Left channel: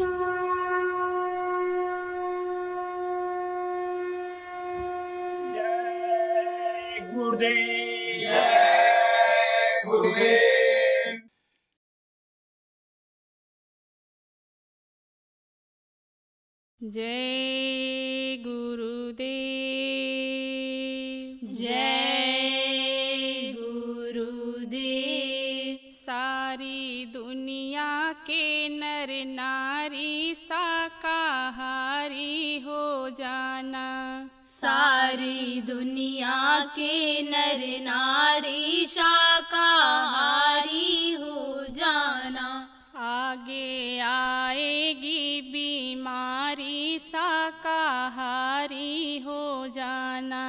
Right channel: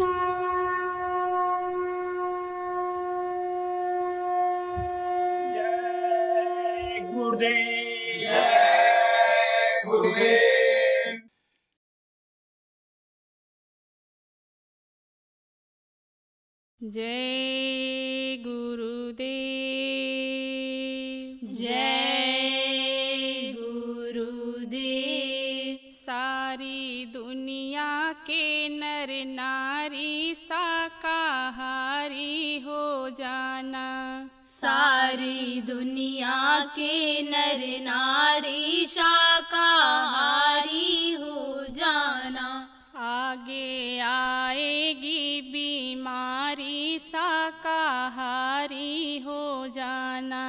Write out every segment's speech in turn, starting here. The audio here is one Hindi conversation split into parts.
जय गुरुदेव। जय गुरुदेव। जय गुरुदेव। जय गुरुदेव। सारी दुनिया के नर नारी शाकाहारी हो जाना। सारी दुनिया के नर नारी शाकाहारी हो जाना। आगे आएगी बीमारी शाकाहारी हो जाना।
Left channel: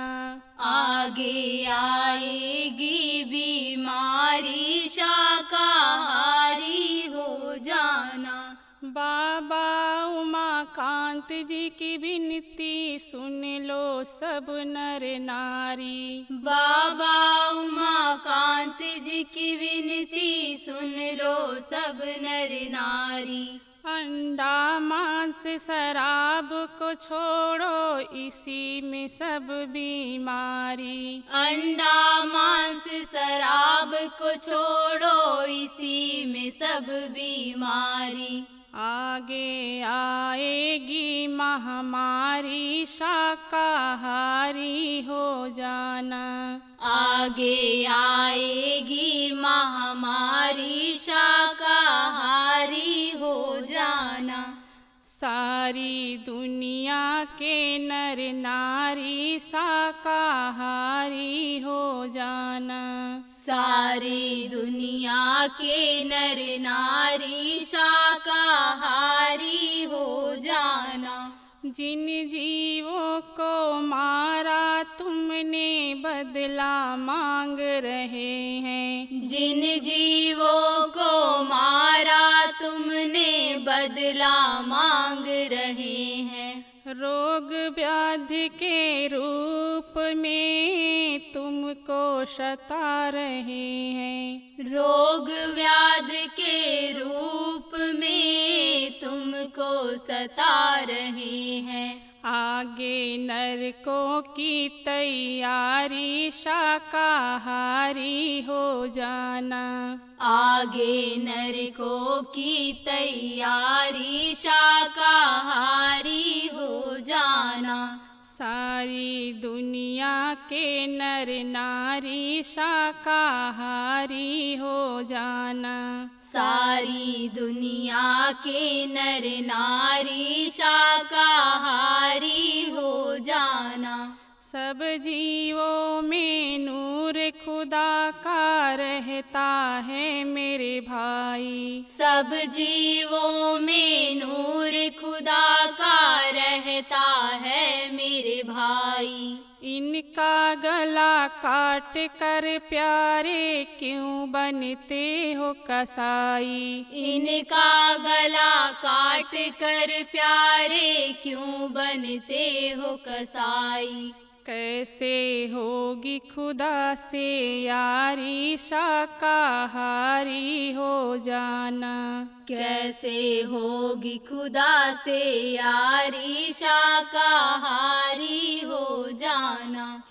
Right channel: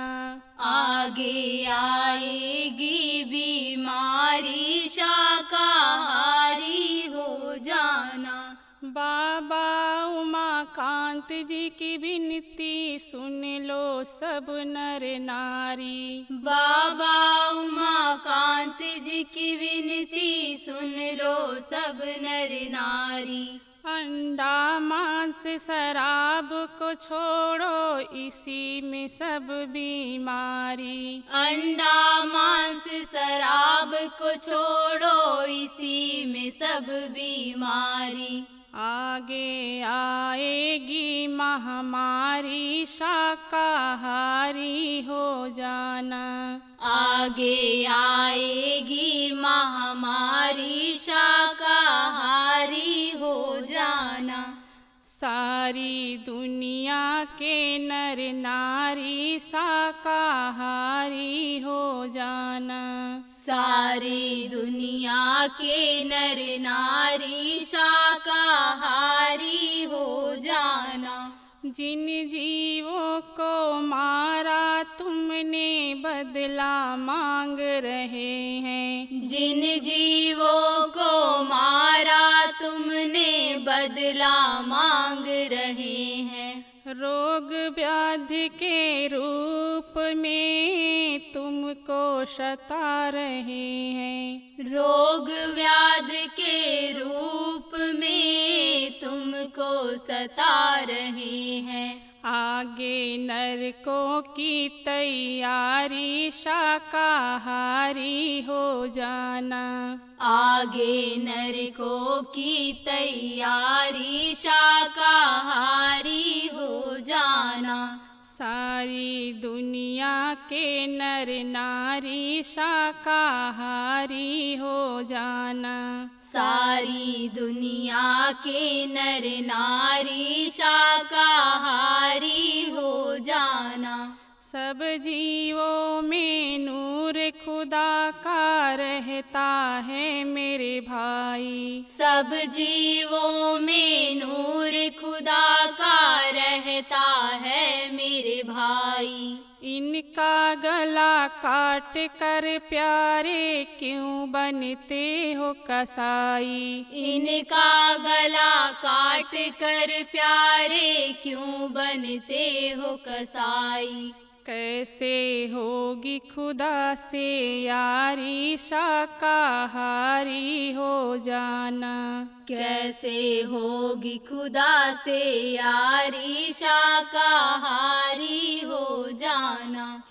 आगे आएगी बीमारी शाकाहारी हो जाना। बाबा उमाकांत जी की विनती सुन लो सब नर नारी। बाबा उमाकांत जी की विनती सुन लो सब नर नारी। अंडा मांस शराब को छोड़ो इसी में सब बीमारी। अंडा मांस शराब को छोड़ो इसी में सब बीमारी। आगे आएगी महामारी शाकाहारी हो जाना। आगे आएगी महामारी शाकाहारी हो जाना। सारी दुनिया के नर नारी शाकाहारी हो जाना। सारी दुनिया के नर नारी शाकाहारी हो जाना। जिन जीवों को मारा तुमने बदला मांग रहे हैं। जिन जीवों को मारा तुमने बदला मांग रहे हैं। रोग व्याधि के रूप में तुमको सता रहे हैं। रोग व्याधि के रूप में तुमको सता रहे हैं। आगे नरकों की तैयारी शाकाहारी हो जाना। आगे नरकों की तैयारी शाकाहारी हो जाना। सारी दुनिया के नर नारी शाकाहारी हो जाना। सारी दुनिया के नर नारी शाकाहारी हो जाना। सब जीवों में नूर खुदा का रहता है मेरे भाई। सब जीवों में नूर खुदा का रहता है मेरे भाई। इनका गला काट कर प्यारे क्यों बनते हो कसाई। इनका गला काट कर प्यारे क्यों बनते हो कसाई। कैसे होगी खुदा से यारी शाकाहारी हो जाना। कैसे होगी खुदा से यारी शाकाहारी हो जाना।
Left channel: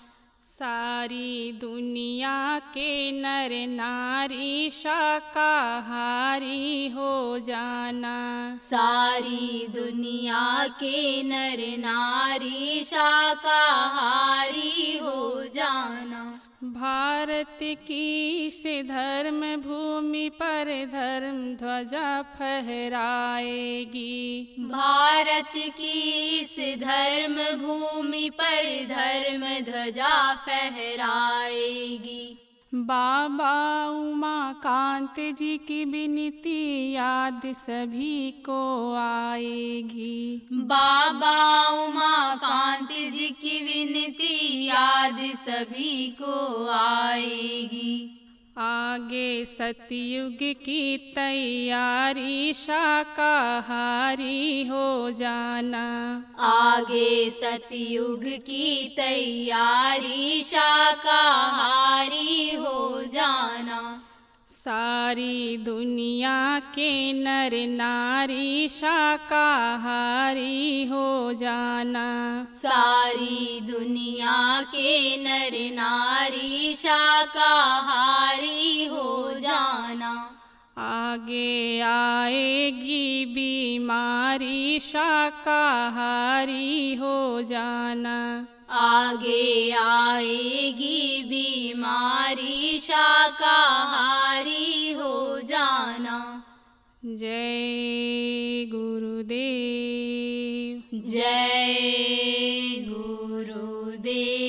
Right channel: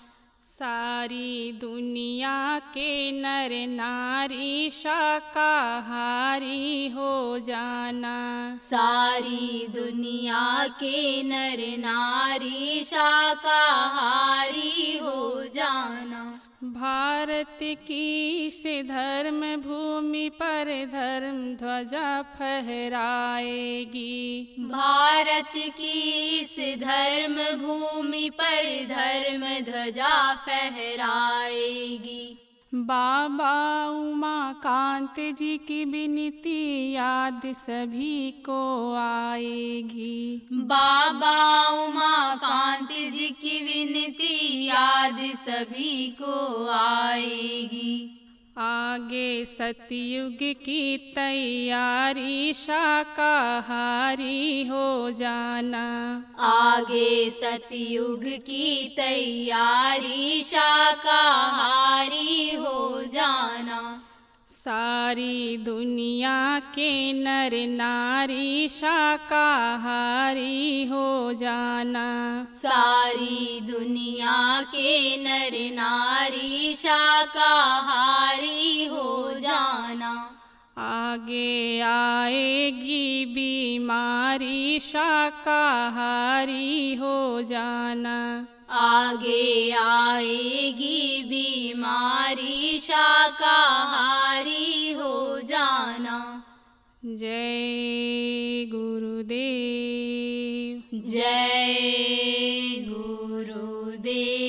सारी दुनिया के नर नारी शाकाहारी हो जाना। सारी दुनिया के नर नारी शाकाहारी हो जाना। भारत की इस धर्म भूमि पर धर्म ध्वजा फहराएगी। भारत की इस धर्म भूमि पर धर्म ध्वजा फहराएगी। बाबा उमाकांत जी की विनती याद सभी को आएगी। बाबा उमाकांत जी की विनती याद सभी को आएगी। आगे सतयुग की तैयारी शाकाहारी हो जाना। आगे सतयुग की तैयारी शाकाहारी हो जाना। सारी दुनिया के नर नारी शाकाहारी हो जाना। सारी दुनिया के नर नारी शाकाहारी हो जाना। आगे आएगी बीमारी शाकाहारी हो जाना। आगे आएगी बीमारी शाकाहारी हो जाना। जय गुरुदेव। जय गुरुदेव।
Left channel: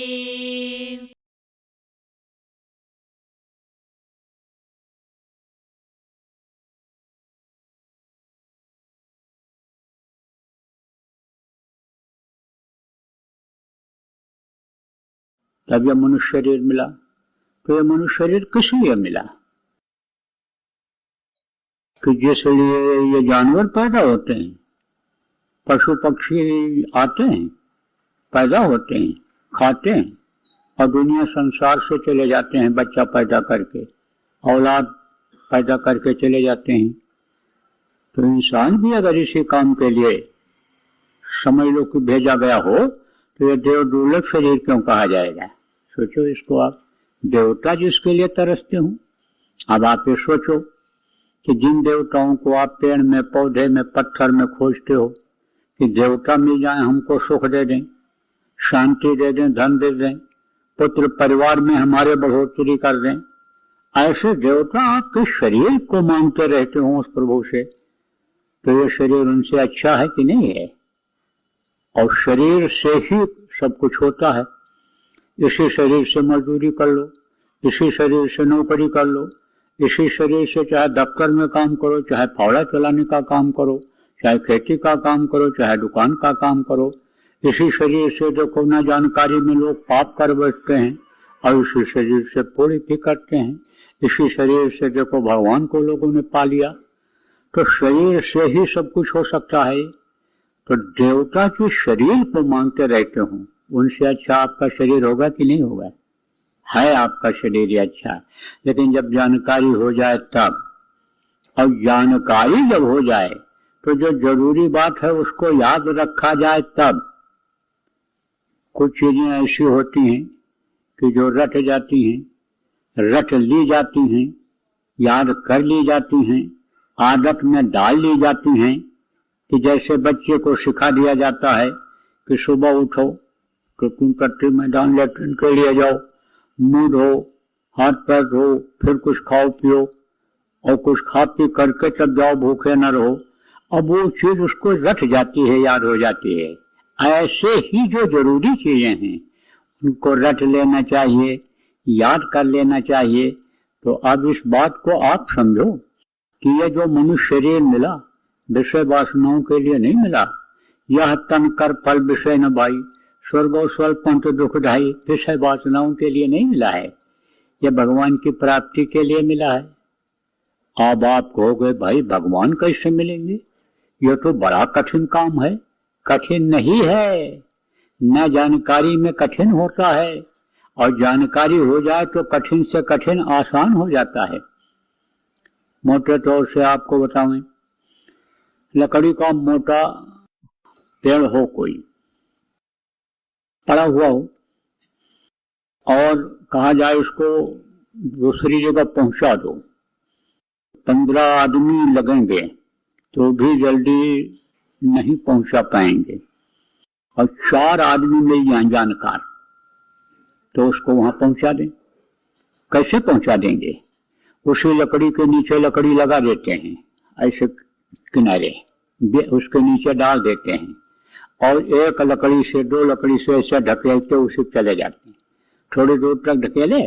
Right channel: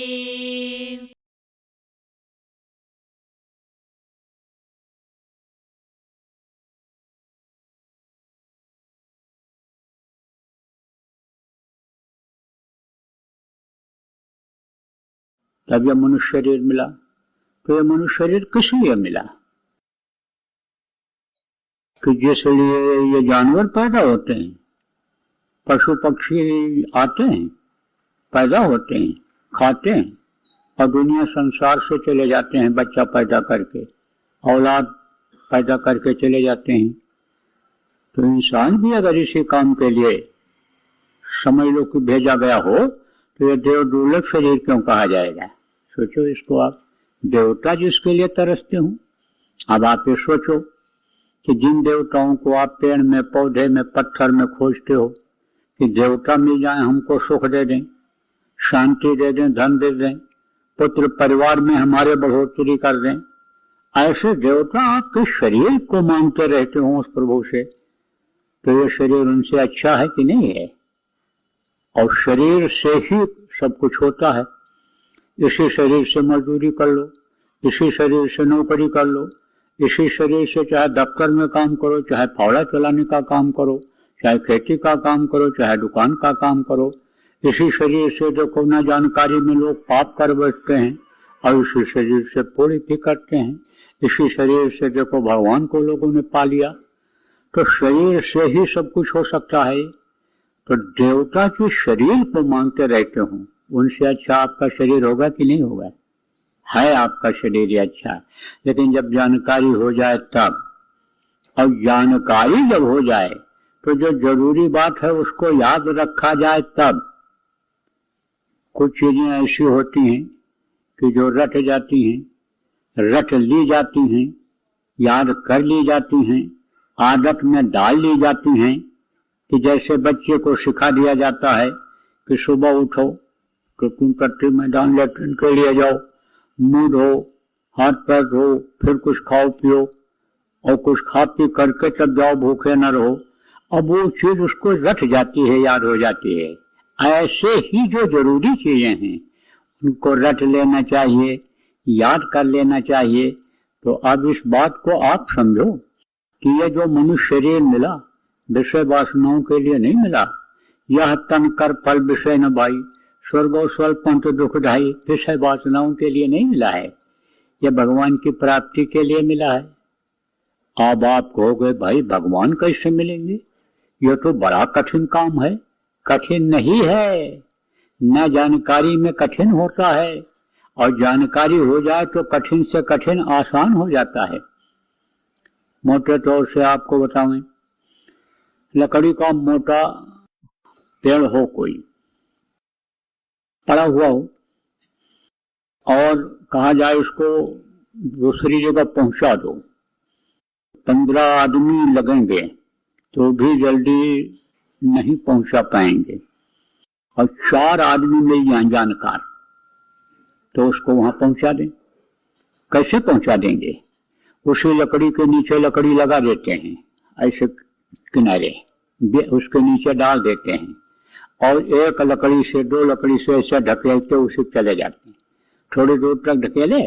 तब यह मनुष्य शरीर मिला। तो यह मनुष्य शरीर किस लिए मिला? कि जिस लिए ये जानवर पैदा होते हैं, पशु पक्षी आते हैं, पैदा होते हैं, खाते हैं और दुनिया संसार से चले जाते हैं, बच्चा पैदा करके, औलाद पैदा करके चले जाते हैं। तो इंसान भी अगर इसी काम के लिए शरीर को भेजा गया हो तो ये देव दुर्लभ शरीर पर कहा जाएगा। सोचो इसको आप, देवता जिसके लिए तरसते हो। अब आप ये सोचो कि जिन देवताओं को आप पेड़ में, पौधे में, पत्थर में खोजते हो कि देवता मिल जाए, हमको सुख दे दें, शांति दे दें, धन दे दें, पुत्र परिवार में हमारे बढ़ोतरी कर दें, ऐसे देवता आपके शरीर को मांगते रहते हो उस प्रभु से, तो ये शरीर उनसे अच्छा है कि नहीं है? और शरीर से ही सब कुछ होता है। इसी शरीर से मजदूरी कर लो, इसी शरीर से नौकरी कर लो, इसी शरीर से चाहे दफ्तर में काम करो, चाहे फावड़ा चलाने का काम करो, चाहे खेती का काम करो, चाहे दुकान का काम करो। इसी शरीर से देखो ना जानकारी में लोग पाप कर बैठते हैं और इसी शरीर से पुण्य भी करते हैं। इसी शरीर से देखो भगवान को लोगों ने पा लिया। तो शरीर से ही सब कुछ हो सकता है। तो देवता के शरीर को मांगते रहते हो, उनसे अच्छा आपका शरीर होगा कि नहीं होगा? है आपका शरीर ही अच्छा। लेकिन जब जानकारी हो जाए तब, और जानकारी जब हो जाए तो जो जरूरी बात है उसको याद रखा जाए तब। कुछ चीजें ऐसी होती हैं कि जो रट जाती हैं, रट ली जाती हैं, याद कर ली जाती हैं, आदत में डाल ली जाती हैं। कि जैसे बच्चे को सिखा दिया जाता है कि सुबह उठो तो तुम कट्टी मैदान लेटरिन के लिए जाओ, मुंह धो, हाथ पैर धो, फिर कुछ खाओ पियो और कुछ खा पी करके तब जाओ, भूखे न रहो। अब वो चीज उसको रट जाती है, याद हो जाती है। ऐसे ही जो जरूरी चीजें हैं उनको रट लेना चाहिए, याद कर लेना चाहिए। तो अब इस बात को आप समझो कि ये जो मनुष्य शरीर मिला विषय वासनाओं के लिए नहीं मिला। यह तन कर फल विषय न भाई, स्वर्ग और स्वल्प दुखदाई, विषय वासनाओं के लिए नहीं मिला है, ये भगवान की प्राप्ति के लिए मिला है। अब आप कहोगे भाई भगवान कैसे मिलेंगे, ये तो बड़ा कठिन काम है। कठिन नहीं है, न जानकारी में कठिन होता है, और जानकारी हो जाए तो कठिन से कठिन आसान हो जाता है। मोटे तौर से आपको बताएं, लकड़ी का मोटा पेड़ हो, कोई पड़ा हुआ हो, और कहा जाए उसको दूसरी जगह पहुंचा दो, 15 आदमी लगेंगे तो भी जल्दी नहीं पहुंचा पाएंगे, और 4 आदमी मिल जाए जानकार तो उसको वहां पहुंचा दें। कैसे पहुंचा देंगे? उसी लकड़ी के नीचे लकड़ी लगा देते हैं, ऐसे किनारे उसके नीचे डाल देते हैं, और एक लकड़ी से 2 लकड़ी से ऐसे ढकेलते उसे चले जाते हैं। थोड़ी दूर तक ढकेले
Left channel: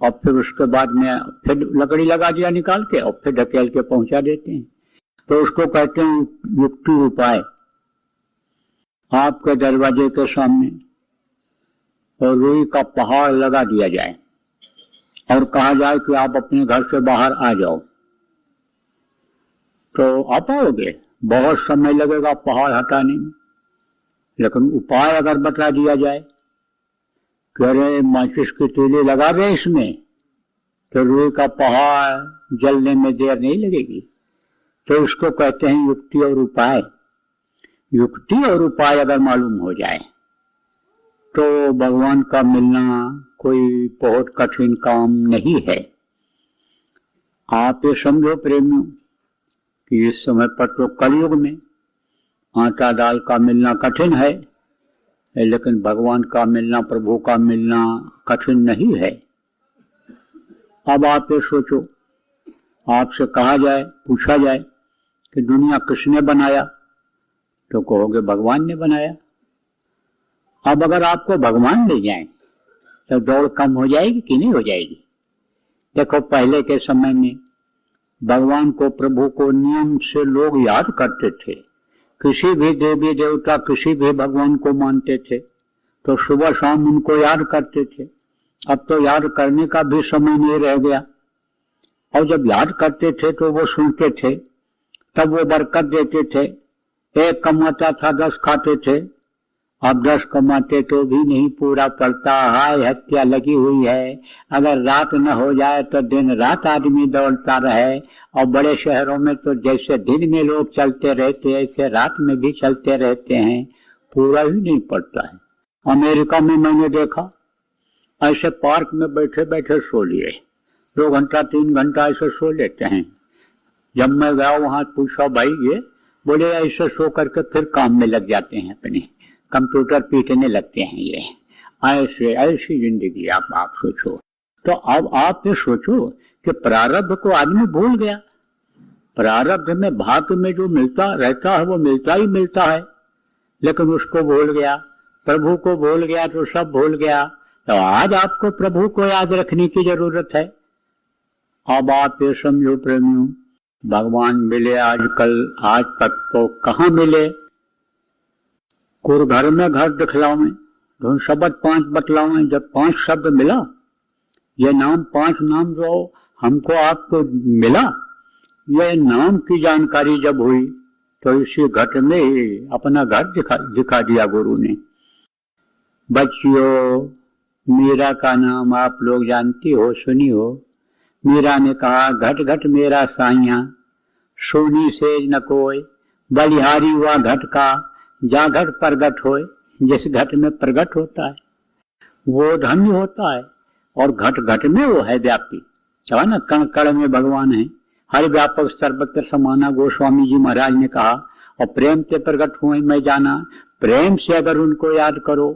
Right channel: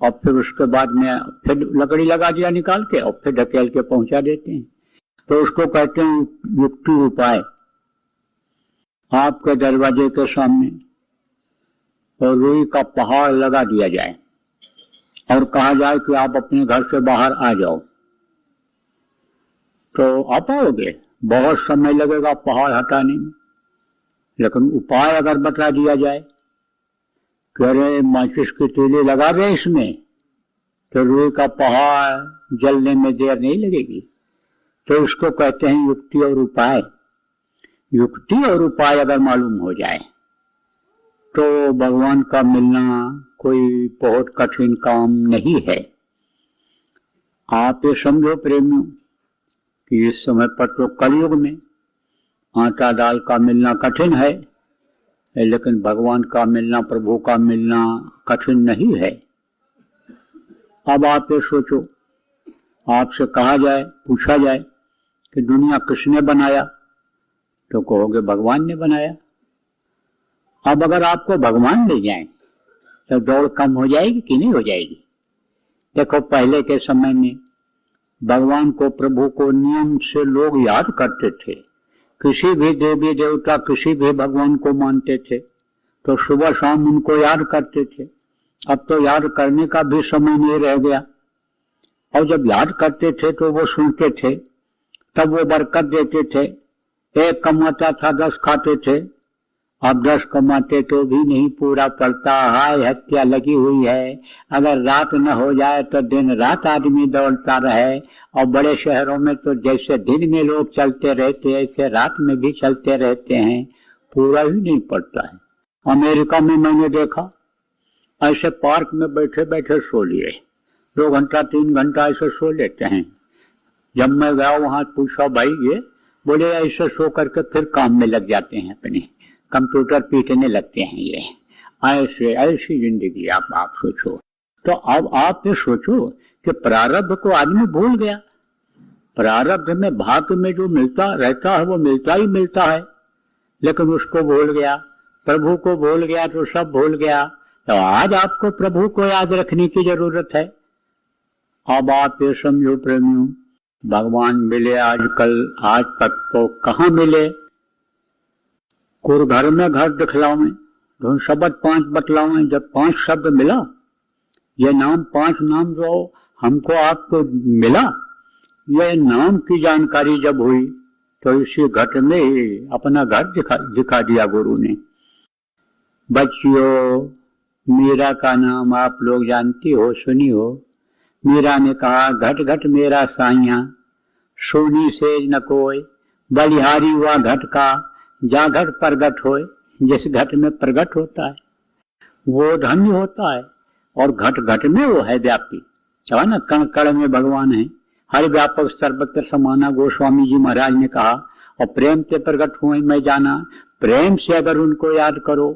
और फिर उसके बाद में फिर लकड़ी लगा दिया निकाल के, और फिर ढकेल के पहुंचा देते हैं। तो उसको कहते हैं युक्ति उपाय। आपके दरवाजे के सामने और रुई का पहाड़ लगा दिया जाए और कहा जाए कि आप अपने घर से बाहर आ जाओ, तो आप आओगे। बहुत समय लगेगा पहाड़ हटाने में, लेकिन उपाय अगर बता दिया जाए कि अरे माचिस की तीली लगा दे इसमें तो रुई का पहाड़ जलने में देर नहीं लगेगी। तो उसको कहते हैं युक्ति और उपाय। युक्ति और उपाय अगर मालूम हो जाए तो भगवान का मिलना कोई बहुत कठिन काम नहीं है। आप ये समझो प्रेमियों कि इस समय पर तो कलयुग में आटा दाल का मिलना कठिन है, लेकिन भगवान का मिलना, प्रभु का मिलना कठिन नहीं है। अब आप ये सोचो, आपसे कहा जाए, पूछा जाए कि दुनिया किसने बनाया, तो कहोगे भगवान ने बनाया। अब अगर आपको भगवान ले जाए तो दौड़ कम हो जाएगी कि नहीं हो जाएगी? देखो, पहले के समय में भगवान को, प्रभु को नियम से लोग याद करते थे। किसी भी देवी देवता, किसी भी भगवान को मानते थे तो सुबह शाम उनको याद करते थे। अब तो याद करने का भी समय नहीं रह गया। और जब याद करते थे तो वो सुनते थे, तब वो बरकत देते थे। एक कमाता था 10 खाते थे, अब 10 कमाते तो भी नहीं पूरा करता, हत्या लगी हुई है। अगर रात न हो जाए तो दिन रात आदमी दौड़ता रहे। और बड़े शहरों में तो जैसे दिन में लोग चलते रहते हैं ऐसे रात में भी चलते रहते हैं, पूरा ही नहीं पड़ता है। अमेरिका में मैंने देखा, ऐसे पार्क में बैठे बैठे सो लिए, 2 घंटा 3 घंटा ऐसे सो लेते हैं। जब मैं गया वहां पूछा, भाई ये? बोले ऐसे सो करके फिर काम में लग जाते हैं, अपने कंप्यूटर पीटने लगते हैं। ये ऐसे ऐसी जिंदगी आप सोचो। तो अब आप ये सोचो कि प्रारब्ध को आदमी भूल गया। प्रारब्ध में भाग्य में जो मिलता रहता है वो मिलता ही मिलता है, लेकिन उसको भूल गया, प्रभु को भूल गया तो सब भूल गया। तो आज आपको प्रभु को याद रखने की जरूरत है। अब आप ये समझो प्रेमी, भगवान मिले आजकल, आज तक तो कहाँ मिले। घर में घट दिखलावे तो शब्द 5 बतलावे। जब 5 शब्द मिला, ये नाम 5 नाम जो हमको आपको मिला, ये नाम की जानकारी जब हुई तो इसी घट में ही अपना घर दिखा दिया गुरु ने। बच्चियों, मीरा का नाम आप लोग जानती हो, सुनी हो। मीरा ने कहा, घट घट मेरा साइया, सोनी से न कोई, बलिहारी हुआ घट का, जा घट प्रगट होए। जिस घट में प्रगट होता है वो धन्य होता है, और घट घट में वो है व्यापी, है ना। कण कण में भगवान है, हर व्यापक सर्वत्र समाना, गोस्वामी जी महाराज ने कहा। और प्रेम से प्रगट हुए मैं जाना, प्रेम से अगर उनको याद करो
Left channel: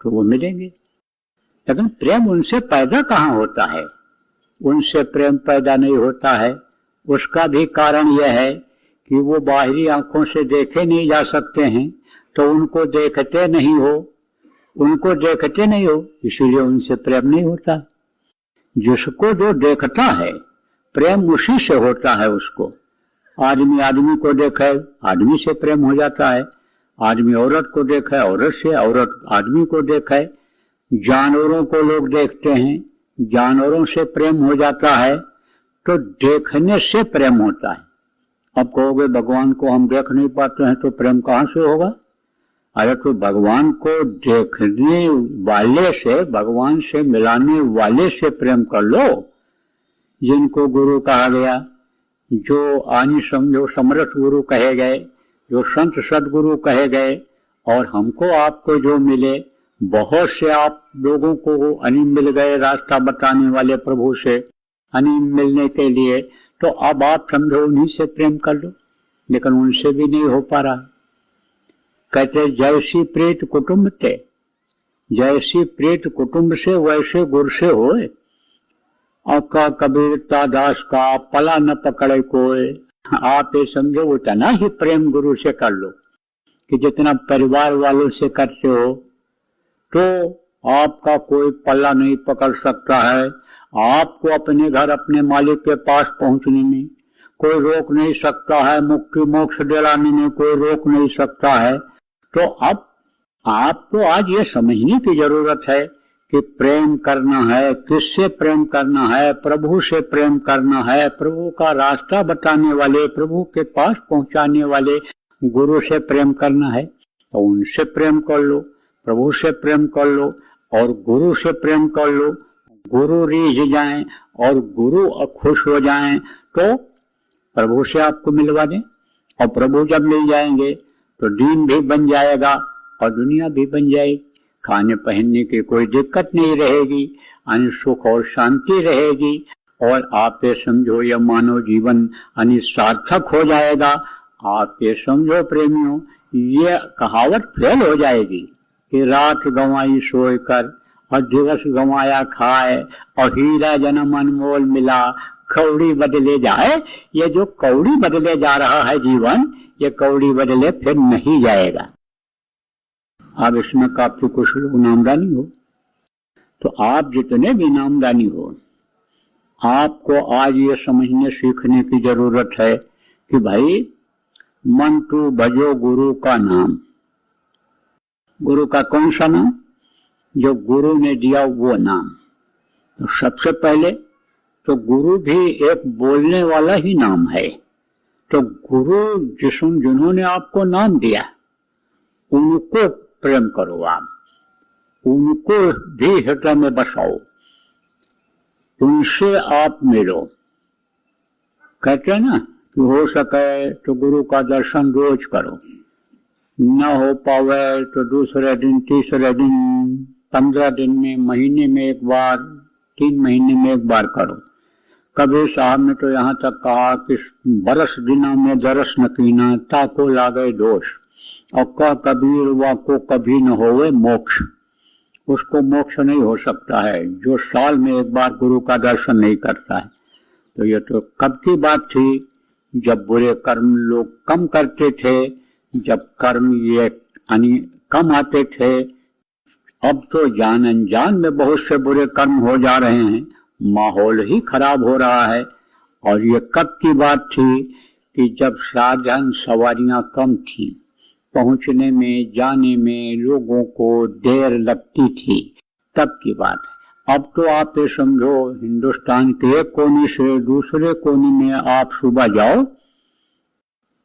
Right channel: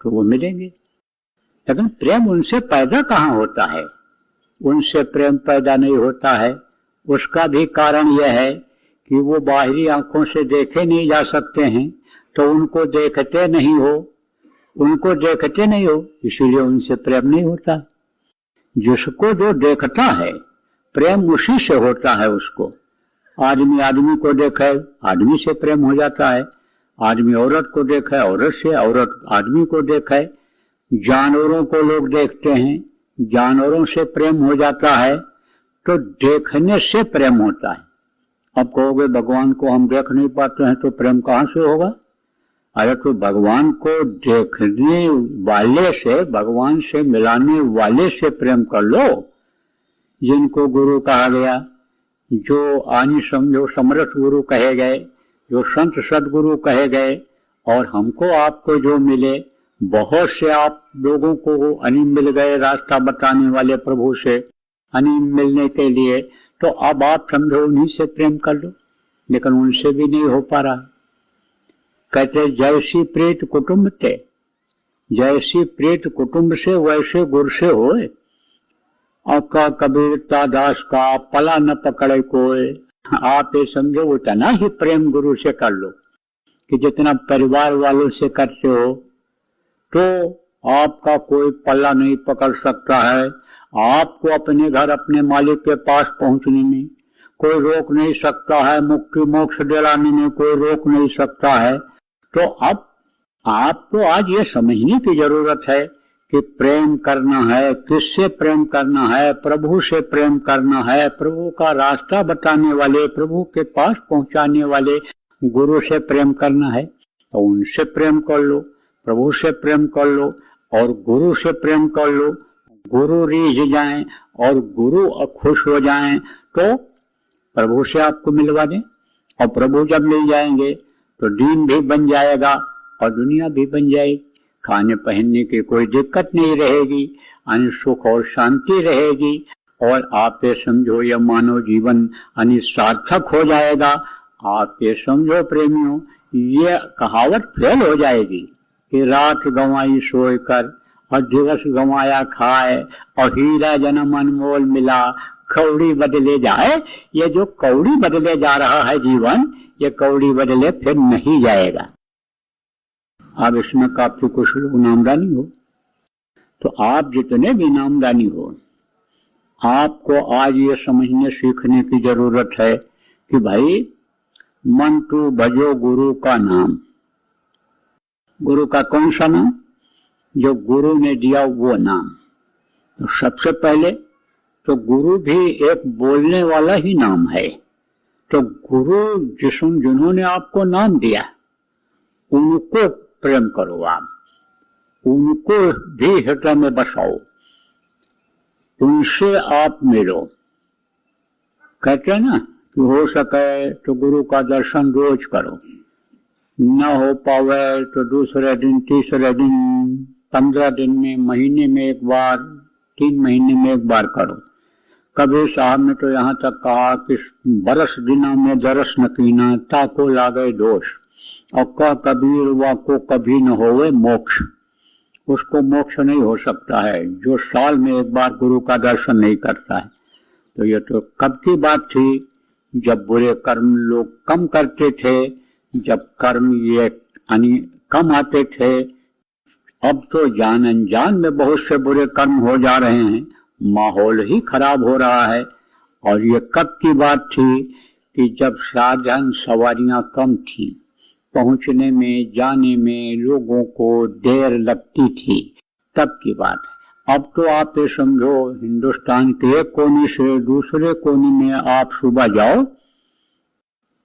तो वो मिलेंगे। लेकिन प्रेम उनसे पैदा कहाँ होता है? उनसे प्रेम पैदा नहीं होता है। उसका भी कारण यह है कि वो बाहरी आंखों से देखे नहीं जा सकते हैं, तो उनको देखते नहीं हो, इसीलिए उनसे प्रेम नहीं होता। जिसको जो देखता है प्रेम उसी से होता है। उसको आदमी को देखे, आदमी से प्रेम हो जाता है। आदमी औरत को देखे, औरत से, औरत आदमी को देखे। जानवरों को लोग देखते हैं, जानवरों से प्रेम हो जाता है। तो देखने से प्रेम होता है। अब कहोगे भगवान को हम देख नहीं पाते हैं तो प्रेम कहाँ से होगा? अरे तो भगवान को देखने वाले से, भगवान से मिलाने वाले से प्रेम कर लो, जिनको गुरु कहा गया, जो आनी समझो समर्थ गुरु कहे गए, जो संत सदगुरु कहे गए। और हमको आपको जो मिले, बहुत से आप लोगों को अनिम मिल गए रास्ता बताने वाले प्रभु से, अनिम मिलने के लिए। तो अब आप समझो उन्हीं से प्रेम कर लो, लेकिन उनसे भी नहीं हो पा रहा। कहते जैसी प्रीत कुटुंब थे, जैसी प्रीत कुटुंब से वैसे गुरु से होए। और कबीरता दास का पला न पकड़े कोई। आप ये समझो वो चला है प्रेम गुरु से कर लो, कि जितना परिवार वालों से करते हो तो आपका कोई पल्ला नहीं पकड़ सकता है। आपको अपने घर, अपने मालिक के पास पहुंचने में कोई रोक नहीं सकता है, मुक्ति मोक्ष दिलाने में कोई रोक नहीं सकता है। तो अब आपको आज ये समझने की जरूरत है कि प्रेम करना है, किससे प्रेम करना है? प्रभु से प्रेम करना है। प्रभु का रास्ता बताने वाले, प्रभु के पास पहुंचाने वाले गुरु से प्रेम करना है। तो उनसे प्रेम कर लो, प्रभु से प्रेम कर लो और गुरु से प्रेम कर लो। गुरु रीझ जाएं और गुरु खुश हो जाएं तो प्रभु से आपको मिलवा दें, और प्रभु जब मिल जाएंगे तो दीन भी बन जाएगा और दुनिया भी बन जाएगी। खाने पहनने की कोई दिक्कत नहीं रहेगी, यानी सुख और शांति रहेगी, और आप ये समझो यह मानव जीवन यानी सार्थक हो जाएगा। आप ये समझो प्रेमियों, ये कहावत फेल हो जाएगी कि रात गंवाई सोए कर और दिवस गंवाया खाए और हीरा जन्म अनमोल मिला कौड़ी बदले जाए। ये जो कौड़ी बदले जा रहा है जीवन, ये कौड़ी बदले फिर नहीं जाएगा। अब इसमें काफी कुछ लोग नामदानी हो, तो आप जितने भी नामदानी हो, आपको आज ये समझने सीखने की जरूरत है कि भाई मन तू भजो गुरु का नाम। गुरु का कौन सा नाम? जो गुरु ने दिया वो नाम। तो सबसे पहले तो गुरु भी एक बोलने वाला ही नाम है। तो गुरु जिन्होंने आपको नाम दिया उनको प्रेम करो, आप उनको भी हृदय में बसाओ, उनसे आप मिलो। कहते हैं ना कि हो सके तो गुरु का दर्शन रोज करो, न हो पावे तो दूसरे दिन, तीसरे दिन, 15 दिन में, महीने में एक बार, 3 महीने में एक बार करो। कबीर साहब ने तो यहाँ तक कहा कि बरस दिना में दरस न कीना ताको लागे दोष, और का कबीर वा को कभी न होवे मोक्ष। उसको मोक्ष नहीं हो सकता है जो साल में एक बार गुरु का दर्शन नहीं करता है। तो ये तो कब की बात थी, जब बुरे कर्म लोग कम करते थे, जब कर्म ये कम आते थे। अब तो जान अनजान में बहुत से बुरे कर्म हो जा रहे हैं, माहौल ही खराब हो रहा है। और ये कब की बात थी कि जब साधन सवारियां कम थी, पहुंचने में जाने में लोगों को देर लगती थी, तब की बात है। अब तो आप ये समझो हिंदुस्तान के एक कोने से दूसरे कोने में आप सुबह जाओ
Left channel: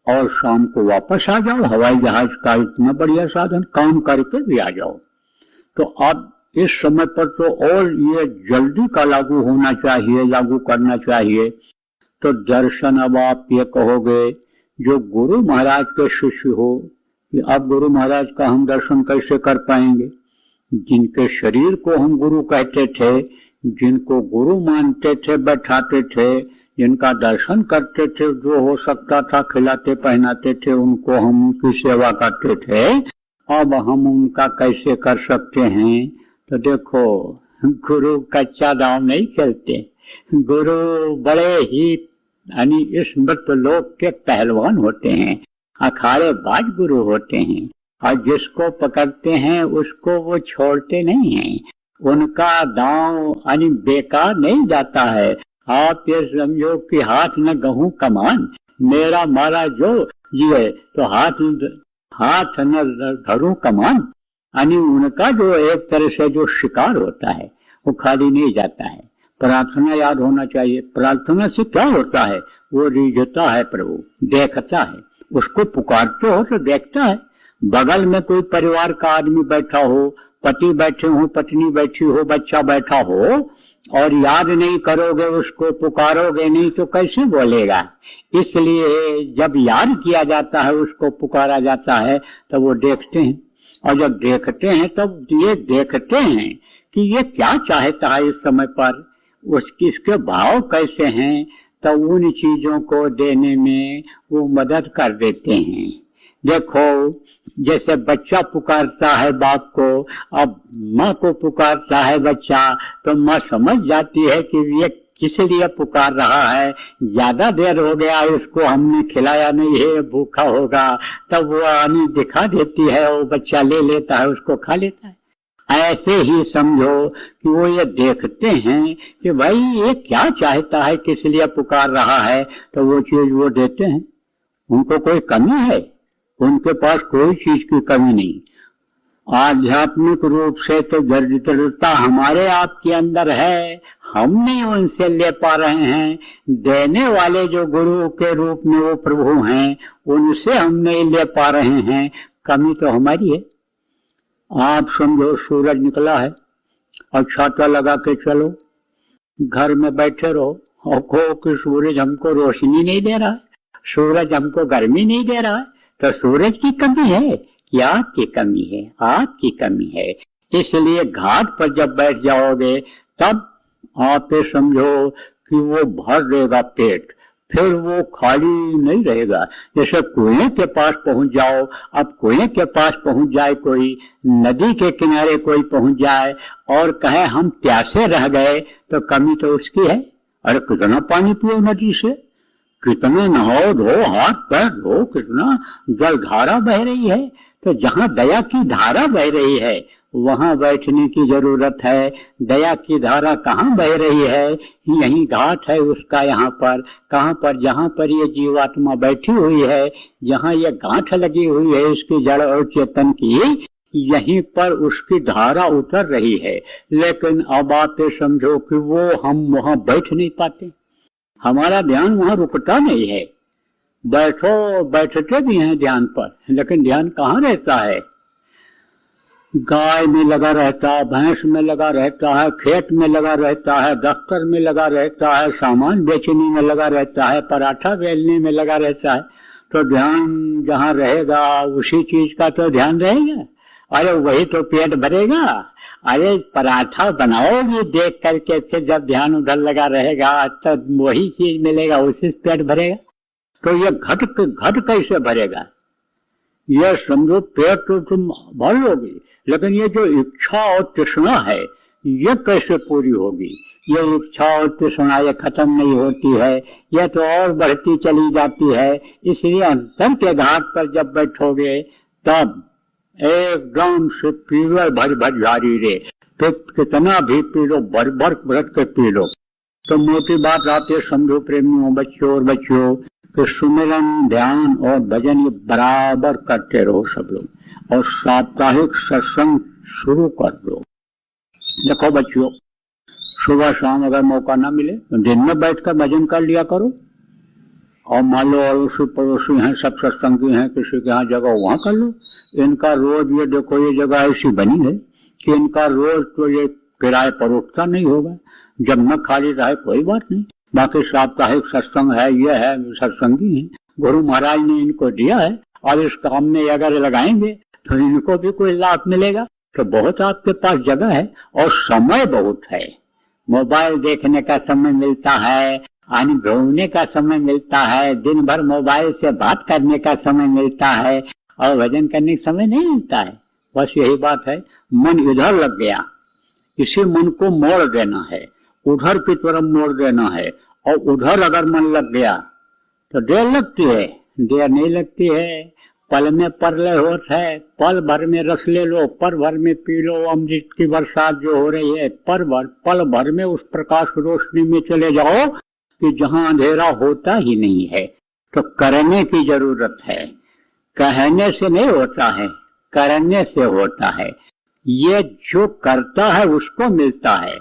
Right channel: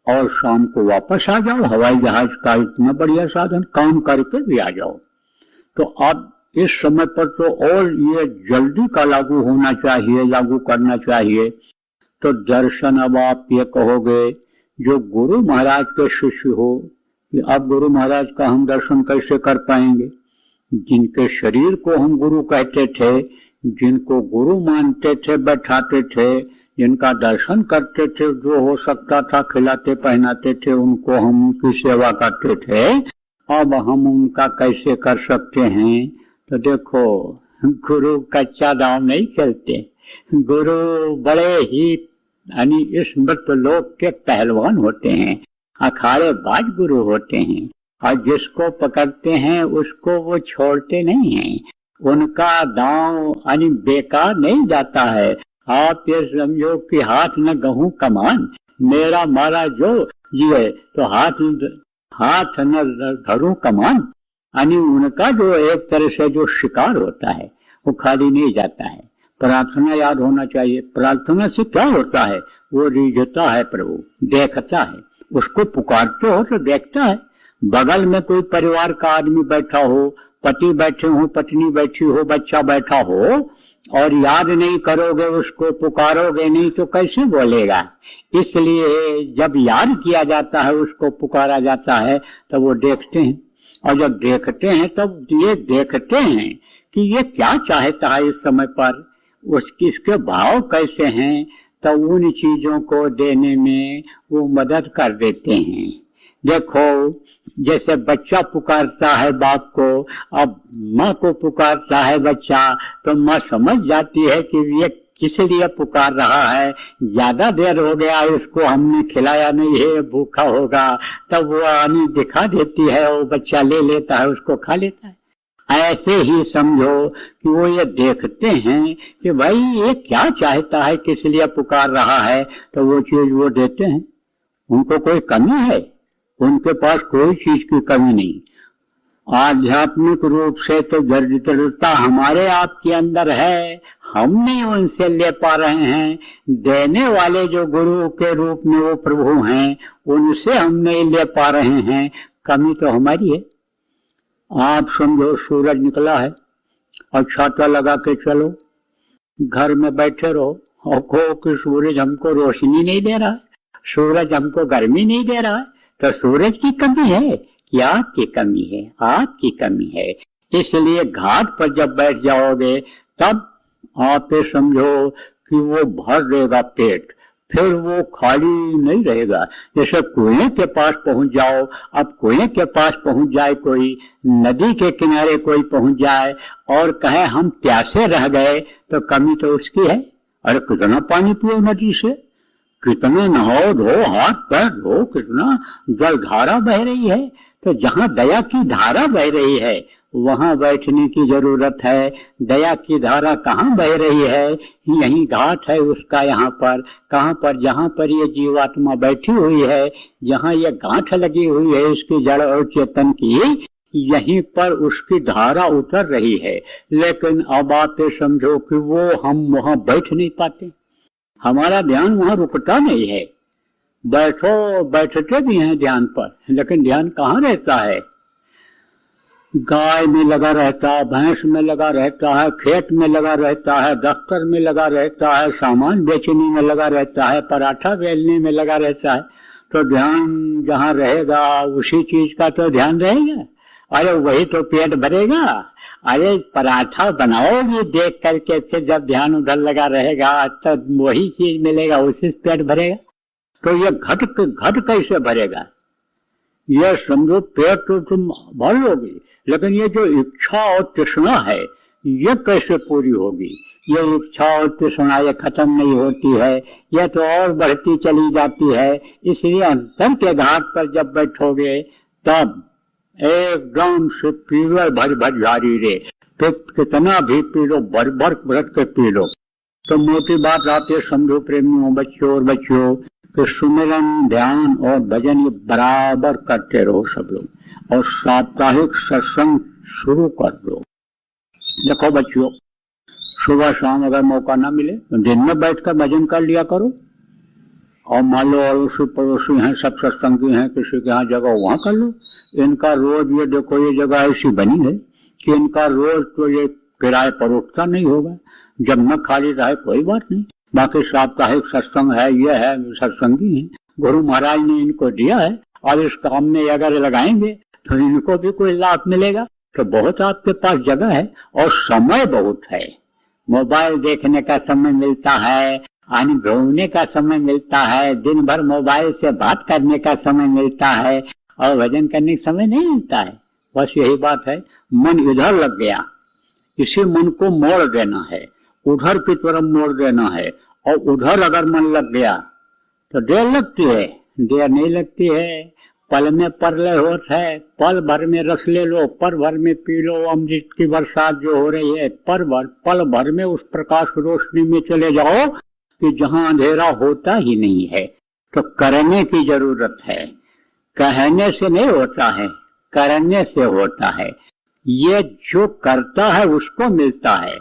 और शाम को वापस आ जाओ। हवाई जहाज का इतना बढ़िया साधन, काम करके भी आ जाओ। तो अब इस समय पर तो और ये जल्दी का लागू होना चाहिए, लागू करना चाहिए। तो दर्शन अब आप ये कहोगे जो गुरु महाराज के शिष्य हो कि अब गुरु महाराज का हम दर्शन कैसे कर पाएंगे? जिनके शरीर को हम गुरु कहते थे, जिनको गुरु मानते थे, बैठाते थे, जिनका दर्शन करते थे, जो हो सकता था खिलाते पहनाते थे, उनको हम उनकी सेवा करते थे, अब हम उनका कैसे कर सकते हैं? तो देखो, गुरु कच्चा दांव नहीं खेलते। गुरु बड़े ही यानी इस मृत लोक के पहलवान होते हैं, अखाड़े बाज गुरु होते हैं, और जिसको पकड़ते हैं उसको वो छोड़ते नहीं हैं। उनका दांव यानी बेकार नहीं जाता है। आप ये समझो कि हाथ में गहूं कमान, मेरा मारा जो ये तो हाथ न धरूं कमान, यानी उनका जो एक तरह से जो शिकार होता है वो खाली नहीं जाता है। प्रार्थना याद होना चाहिए। प्रार्थना से क्या होता है? वो रिझता है, प्रभु देखता है, उसको पुकारते हो तो देखता है। बगल में कोई परिवार का आदमी बैठा हो, पति बैठे हो, पत्नी बैठी हो, बच्चा बैठा हो, और याद नहीं करोगे उसको, पुकारोगे नहीं तो कैसे बोलेगा? इसलिए जब याद किया जाता है, उसको पुकारा जाता है, तब वो देखते हैं। और जब देखते हैं तब ये देखते हैं कि ये क्या चाहता है इस समय पर, इसके भाव कैसे हैं, तो उन चीजों को देने में वो मदद कर देते हैं। देखो, जैसे बच्चा पुकारता है बाप को, अब माँ को पुकारता है बच्चा, तो माँ समझ जाती है कि ये किस लिए पुकार रहा है, ज्यादा देर हो गया इसको हमने खिलाया नहीं है, भूखा होगा, तब वो आनी दिखा देती है, वो बच्चा ले लेता है, उसको खा लेता है। ऐसे ही समझो कि वो ये देखते हैं कि भाई ये क्या चाहता है, किस लिए पुकार रहा है, तो वो चीज वो देते हैं। उनको कोई करना है, उनके पास कोई चीज की कमी नहीं। आध्यात्मिक रूप से तो दरिद्रता हमारे आपके अंदर है, हम नहीं उनसे ले पा रहे हैं। देने वाले जो गुरु के रूप में वो प्रभु हैं, उनसे हम नहीं ले पा रहे हैं, कमी तो हमारी है। आप समझो सूरज निकला है और छाता लगा के चलो, घर में बैठे रहो और कहो कि सूरज हमको रोशनी नहीं दे रहा है, सूरज हमको गर्मी नहीं दे रहा है, तो सूरज की कमी है या आपकी कमी है? आपकी कमी है। इसलिए घाट पर जब बैठ जाओगे तब आप ये समझो कि वो भर देगा पेट, फिर वो खाली नहीं रहेगा। जैसे कुएं के पास पहुंच जाओ, अब कुएं के पास पहुंच जाए कोई, नदी के किनारे कोई पहुंच जाए और कहे हम प्यासे रह गए, तो कमी तो उसकी है। अरे कितना पानी पियो नदी से, कितने नहाओ धो, हाथ पैर धो, कितना जल धारा बह रही है। तो जहाँ दया की धारा बह रही है वहां बैठने की जरूरत है। दया की धारा कहाँ बह रही है? यही घाट है उसका। यहाँ पर कहाँ पर? जहाँ पर ये जीवात्मा बैठी हुई है, जहाँ ये गांठ लगी हुई है उसकी जड़ और चेतन की, यहीं पर उसकी धारा उतर रही है। लेकिन अब आप समझो कि वो हम वहां बैठ नहीं पाते, हमारा ध्यान वहां रुकता नहीं है। बैठो, बैठते भी हैं ध्यान पर, लेकिन ध्यान कहाँ रहता है? गाय में लगा रहता है, भैंस में लगा रहता है, खेत में लगा रहता है, दफ्तर में लगा रहता है, सामान बेचने में लगा रहता है, पराठा बेलने में लगा रहता है। तो ध्यान जहाँ रहेगा उसी चीज का तो ध्यान रहेगा। अरे वही तो पेट भरेगा। अरे पराठा बनाओगे देख करके, फिर जब ध्यान उधर लगा रहेगा तो वही चीज मिलेगा, उसी से पेट भरेगा। तो ये घट कैसे भरेगा? ये समझो पेट तो तुम भर लोगी, लेकिन ये जो इच्छा और तृष्णा है ये कैसे पूरी होगी? ये इच्छा और तृष्णा ये खत्म नहीं होती है, ये तो और बढ़ती चली जाती है। इसलिए अंतर के घाट पर जब बैठोगे तब एकदम से पीवे भर भर जारी रे, तो कितना भी पी लो, भर भर के पी लो। तो मोटी बात आती है, समझो प्रेमियों, बच्चों और बच्चों, तो सुमिरन, ध्यान और भजन ये बराबर करते रहो सब लोग, और साप्ताहिक सत्संग शुरू कर दो। देखो बच्चों, सुबह शाम अगर मौका ना मिले तो दिन में बैठकर भजन कर लिया करो। और मान लो अड़ोसी पड़ोसी हैं, सब सत्संगी हैं, किसी के यहाँ जगह वहाँ कर लो। इनका रोज ये देखो, ये जगह ऐसी बनी है कि इनका रोज तो ये किराए पर उठता नहीं होगा। जब न खाली रहे कोई बात नहीं, बाकी साप्ताहिक सत्संग है, ये है, सत्संगी है, गुरु महाराज ने इनको दिया है, और इस काम में अगर लगाएंगे तो इनको भी कोई लाभ मिलेगा। तो बहुत आपके पास जगह है और समय बहुत है। मोबाइल देखने का समय मिलता है, आने घूमने का समय मिलता है, दिन भर मोबाइल से बात करने का समय मिलता है, और भजन करने का समय नहीं मिलता है। बस यही बात है, मन इधर लग गया, इसी मन को मोड़ देना है, उधर की तरफ मोड़ देना है। और उधर अगर मन लग गया तो देर लगती है, देर नहीं लगती है। पल में परलय होता है, पल भर में रस ले लो, पल भर में पी लो। अमृत की बरसात जो हो रही है, पल भर में उस प्रकाश रोशनी में चले जाओ कि जहां अंधेरा होता ही नहीं है। तो करने की जरूरत है, कहने से नहीं होता है, करने से होता है। ये जो करता है उसको मिलता है,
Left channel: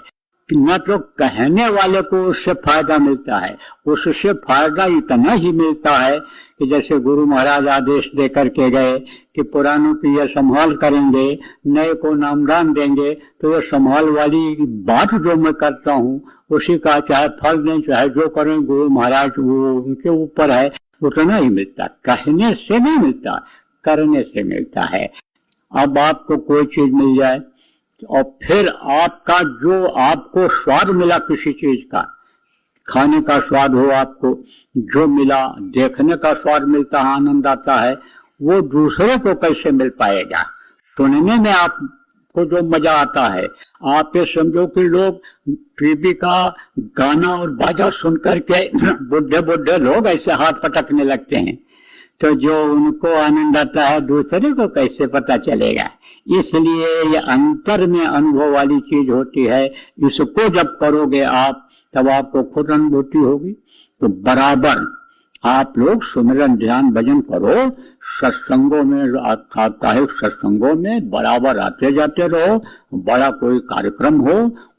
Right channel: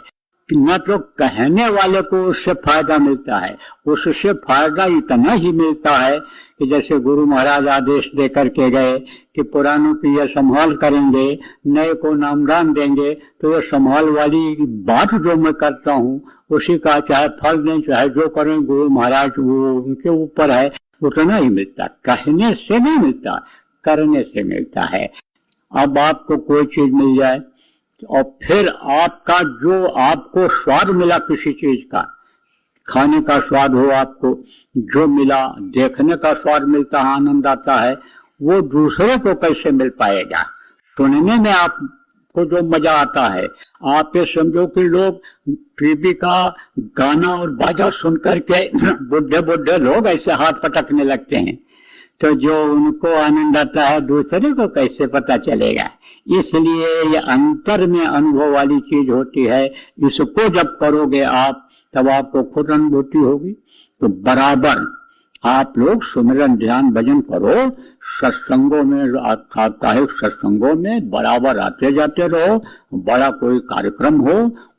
न तो कहने वाले को उससे फायदा मिलता है। उससे फायदा इतना ही मिलता है कि जैसे गुरु महाराज आदेश दे करके गए कि पुरानों की यह संभाल करेंगे, नए को नामदान देंगे, तो ये संभाल वाली बात जो मैं करता हूँ उसी का चाहे फल दें चाहे जो करें, गुरु महाराज वो उनके ऊपर है। उतना नहीं मिलता, कहने से नहीं मिलता, करने से मिलता है। अब आपको कोई चीज मिल जाए और फिर आपका जो आपको स्वाद मिला किसी चीज का, खाने का स्वाद हो, आपको जो मिला, देखने का स्वाद मिलता है, आनंद आता है, वो दूसरे को कैसे मिल पाएगा? सुनने में आपको जो मजा आता है, आप ये समझो कि लोग टीवी का गाना और बाजा सुन करके बुढ़े बुढ़े लोग ऐसे हाथ पटकने लगते हैं, तो जो उनको आनंद आता है दूसरे को कैसे पता चलेगा? इसलिए ये अंतर में अनुभव वाली चीज होती है। इसको जब करोगे आप तब आपको खुद अनुभूति होगी। तो बराबर आप लोग सुमिरन ध्यान भजन करो, सत्संगों में, साप्ताहिक सत्संगों में बराबर आते जाते रहो। बड़ा कोई कार्यक्रम हो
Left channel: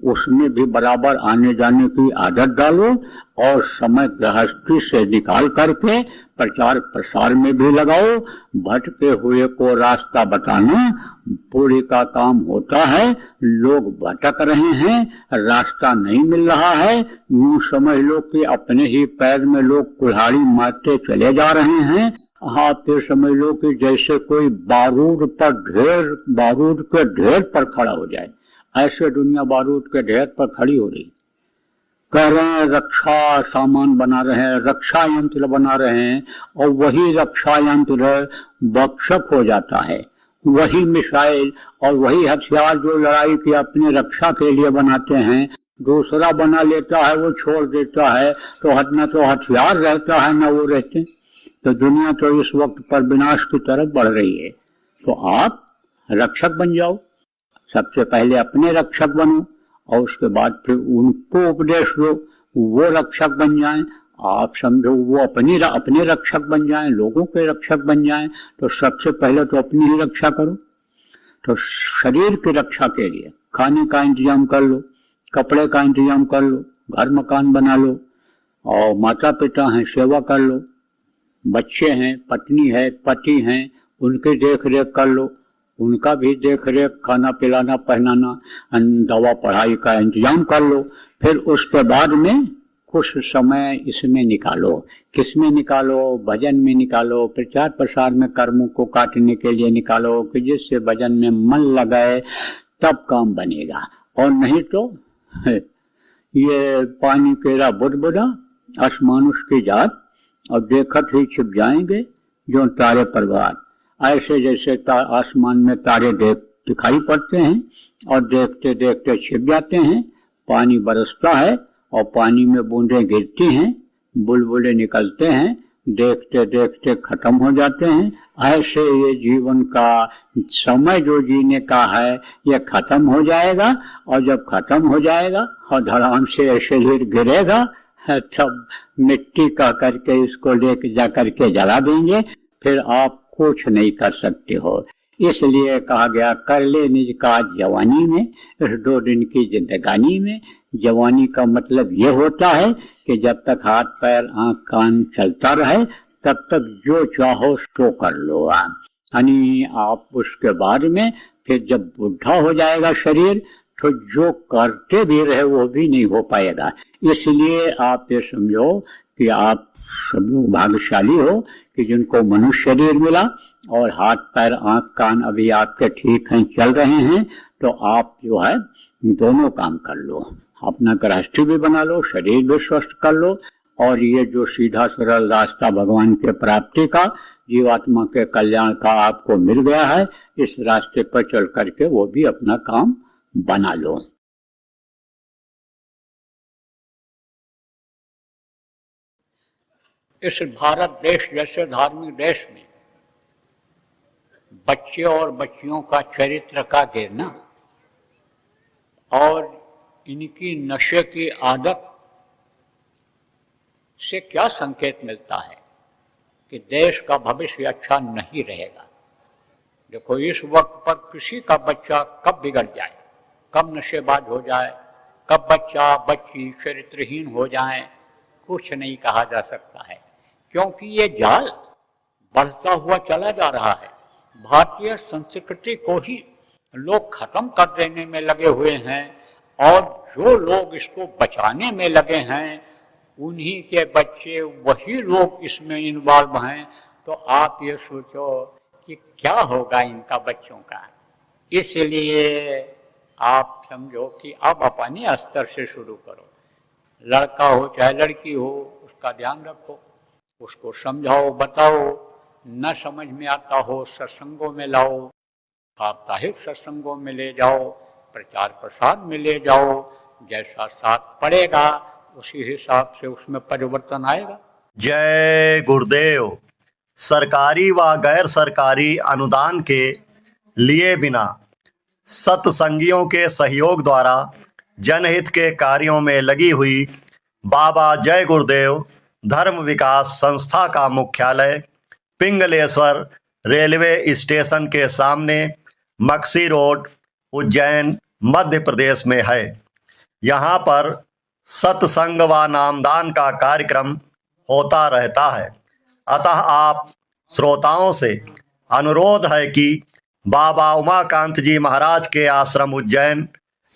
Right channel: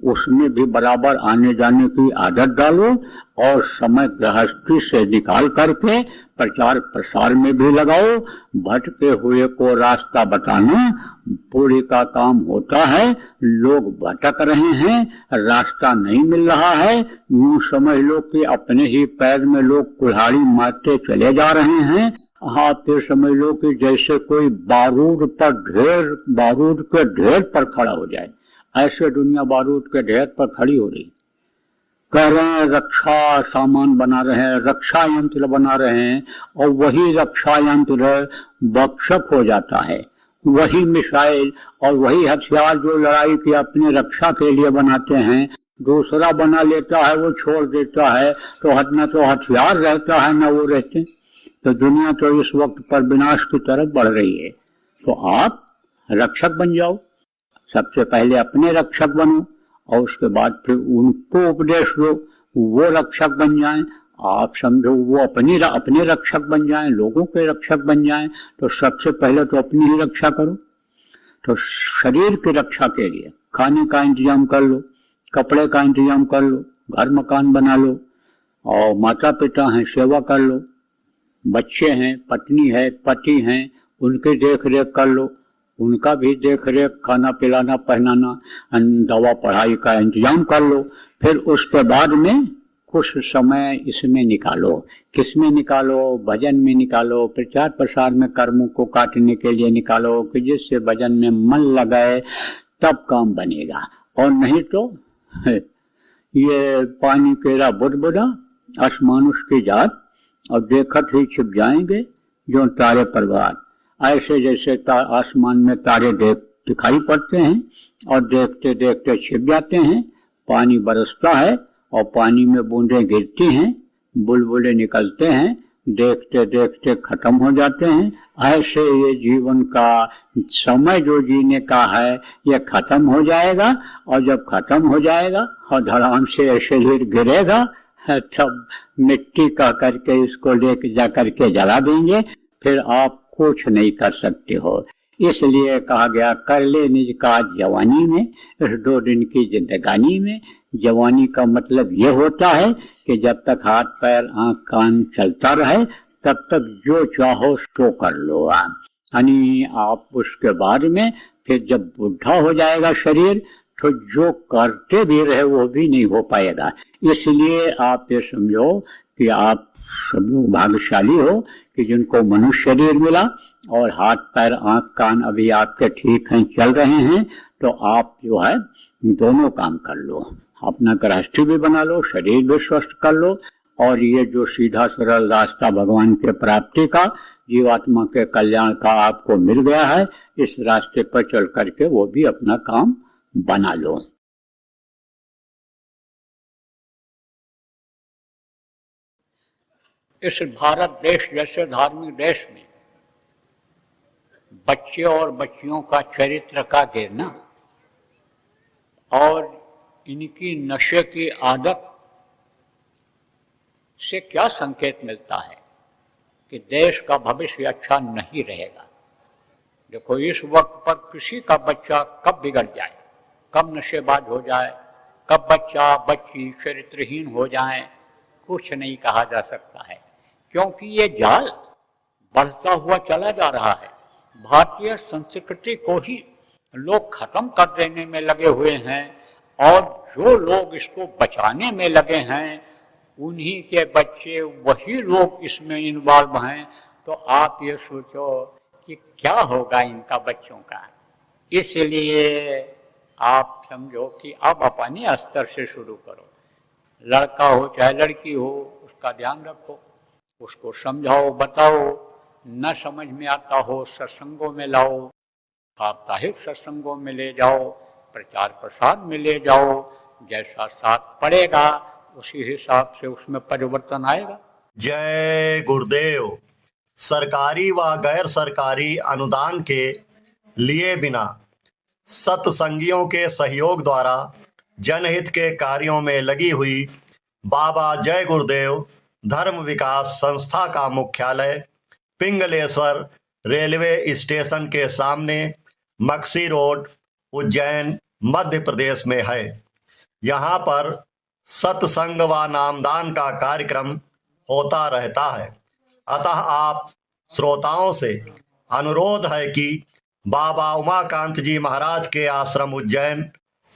उसमें भी बराबर आने जाने की आदत डालो, और समय गृहस्थी से निकाल करके प्रचार प्रसार में भी लगाओ। भटके हुए को रास्ता बताना पूरी का काम होता है। लोग भटक रहे हैं, रास्ता नहीं मिल रहा है, यूं समझ लो कि अपने ही पैर में लोग कुल्हाड़ी मारते चले जा रहे हैं। हाँ, फिर समझ लो कि जैसे कोई बारूद के ढेर पर खड़ा हो जाए, ऐसे दुनिया बारूद के ढेर पर खड़ी हो रही। कह रहे हैं रक्षा सामान बना रहे हैं, रक्षा यंत्र बना रहे हैं, और वही रक्षा यंत्र भक्षक हो जाता है। वही मिसाइल और वही हथियार जो लड़ाई की अपनी रक्षा के लिए बनाते हैं, दूसरा बना लेता है, वो छोड़ देता है, तो न तो हथियार रहता है न वो रहते। तो दुनिया तो इस वक्त पर विनाश की तरफ बढ़ रही है। तो आप रक्षक बन जाओ, सबसे पहले अपने रक्षक बनो, और उसके बाद फिर उनको उपदेश दो, वो रक्षक बन जाएं। आप समझो वो अपने रक्षक बन जाएं, लोगों के रक्षक बन जाएं। तो सबसे पहले तो अपनी ही रक्षा करो। तो शरीर की रक्षा के लिए खाने का इंतजाम कर लो, कपड़े का इंतजाम कर लो, घर मकान बना लो, और माता पिता हैं सेवा कर लो, बच्चे हैं, पत्नी है, पति हैं, उनकी देख रेख कर लो, उनका भी देख रेख, खाना पिलाना पहनाना, दवा पढ़ाई का इंतजाम कर लो। फिर उसके बाद में कुछ समय इसमें निकालो। किसमें निकालो? भजन में निकालो, प्रचार प्रसार में कर्मों को काटने के लिए निकालो, कि जिससे भजन में मन लगाए तब काम बनेगा। और नहीं तो ये पानी केरा बुदबुदा आसमानुष की जात, और देखत ही छिप जाएंगे जो तारे परवार। ऐसे जैसे आसमान में तारे दिखाई पड़ते हैं और देखते देखते छिप जाते हैं। पानी बरसता है और पानी में बूंदें गिरती हैं, बुलबुले निकलते हैं, देखते देखते खत्म हो जाते हैं। ऐसे ये जीवन का समय जो जीने का है ये खत्म हो जाएगा, और जब खत्म हो जाएगा और धड़ाम से ऐसे गिरेगा, तब मिट्टी का करके इसको लेके जा करके जला देंगे। फिर आप कुछ नहीं कर सकते हो। इसलिए कहा गया कर ले निज काज जवानी में, इस 2 दिन की जिंदगानी में। जवानी का मतलब ये होता है कि जब तक हाथ पैर आंख कान चलता रहे तब तक जो चाहो उसको कर लो आप। यानी आप उसके बाद में फिर जब बुढ़ा हो जाएगा शरीर, तो जो करते भी रहे वो भी नहीं हो पाएगा। इसलिए आप ये समझो कि आप सब लोग भाग्यशाली हो कि जिनको मनुष्य शरीर मिला, और हाथ पैर आंख कान अभी आपके ठीक हैं, चल रहे हैं। तो आप जो है दोनों काम कर लो, अपना गृहस्थी भी बना लो, शरीर भी स्वस्थ कर लो, और ये जो सीधा सरल रास्ता भगवान के प्राप्ति का, जीवात्मा के कल्याण का आपको मिल गया है, इस रास्ते पर चल करके वो भी अपना काम बना लो। इस भारत देश जैसे धार्मिक देश में बच्चे और बच्चियों का चरित्र का गिरना और इनकी नशे की आदत से क्या संकेत मिलता है कि देश का भविष्य अच्छा नहीं रहेगा। देखो, इस वक्त पर किसी का बच्चा कब बिगड़ जाए, कब नशेबाज हो जाए, कब बच्चा बच्ची चरित्रहीन हो जाए, कुछ नहीं कहा जा सकता है, क्योंकि ये जाल बढ़ता हुआ चला जा रहा है। भारतीय संस्कृति को ही लोग खत्म कर देने में लगे हुए हैं, और जो लोग इसको बचाने में लगे हैं उन्हीं के बच्चे, वही लोग इसमें इन्वॉल्व हैं। तो आप ये सोचो कि क्या होगा इनका बच्चों का। इसलिए आप समझो कि अब अपने स्तर से शुरू करो। लड़का हो चाहे लड़की हो, उसका ध्यान रखो, उसको समझाओ, बताओ, न समझ में आता हो सत्संगों में लाओ, साप्ताहिक सत्संगों में ले जाओ, प्रचार प्रसार में ले जाओ। जैसा साथ पड़ेगा उसी हिसाब से उसमें परिवर्तन आएगा। जय गुरुदेव। सरकारी व गैर सरकारी अनुदान के लिए बिना सत्संगियों के सहयोग द्वारा जनहित के कार्यों में लगी हुई बाबा जय गुरुदेव धर्म विकास संस्था का मुख्यालय पिंगलेश्वर रेलवे स्टेशन के सामने मक्सी रोड, उज्जैन, मध्य प्रदेश में है। यहाँ पर सत्संग व नामदान का कार्यक्रम होता रहता है। अतः आप श्रोताओं से अनुरोध है कि बाबा उमाकांत जी महाराज के आश्रम उज्जैन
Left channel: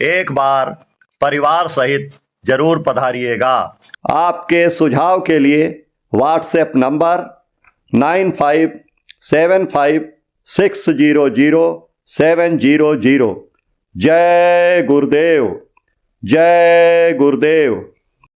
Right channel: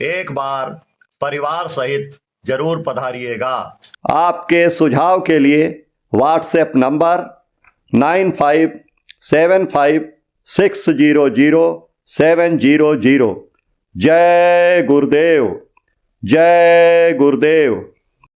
एक बार परिवार सहित जरूर पधारिएगा। आपके सुझाव के लिए व्हाट्सएप नंबर 9575600700। जय गुरुदेव, जय गुरुदेव।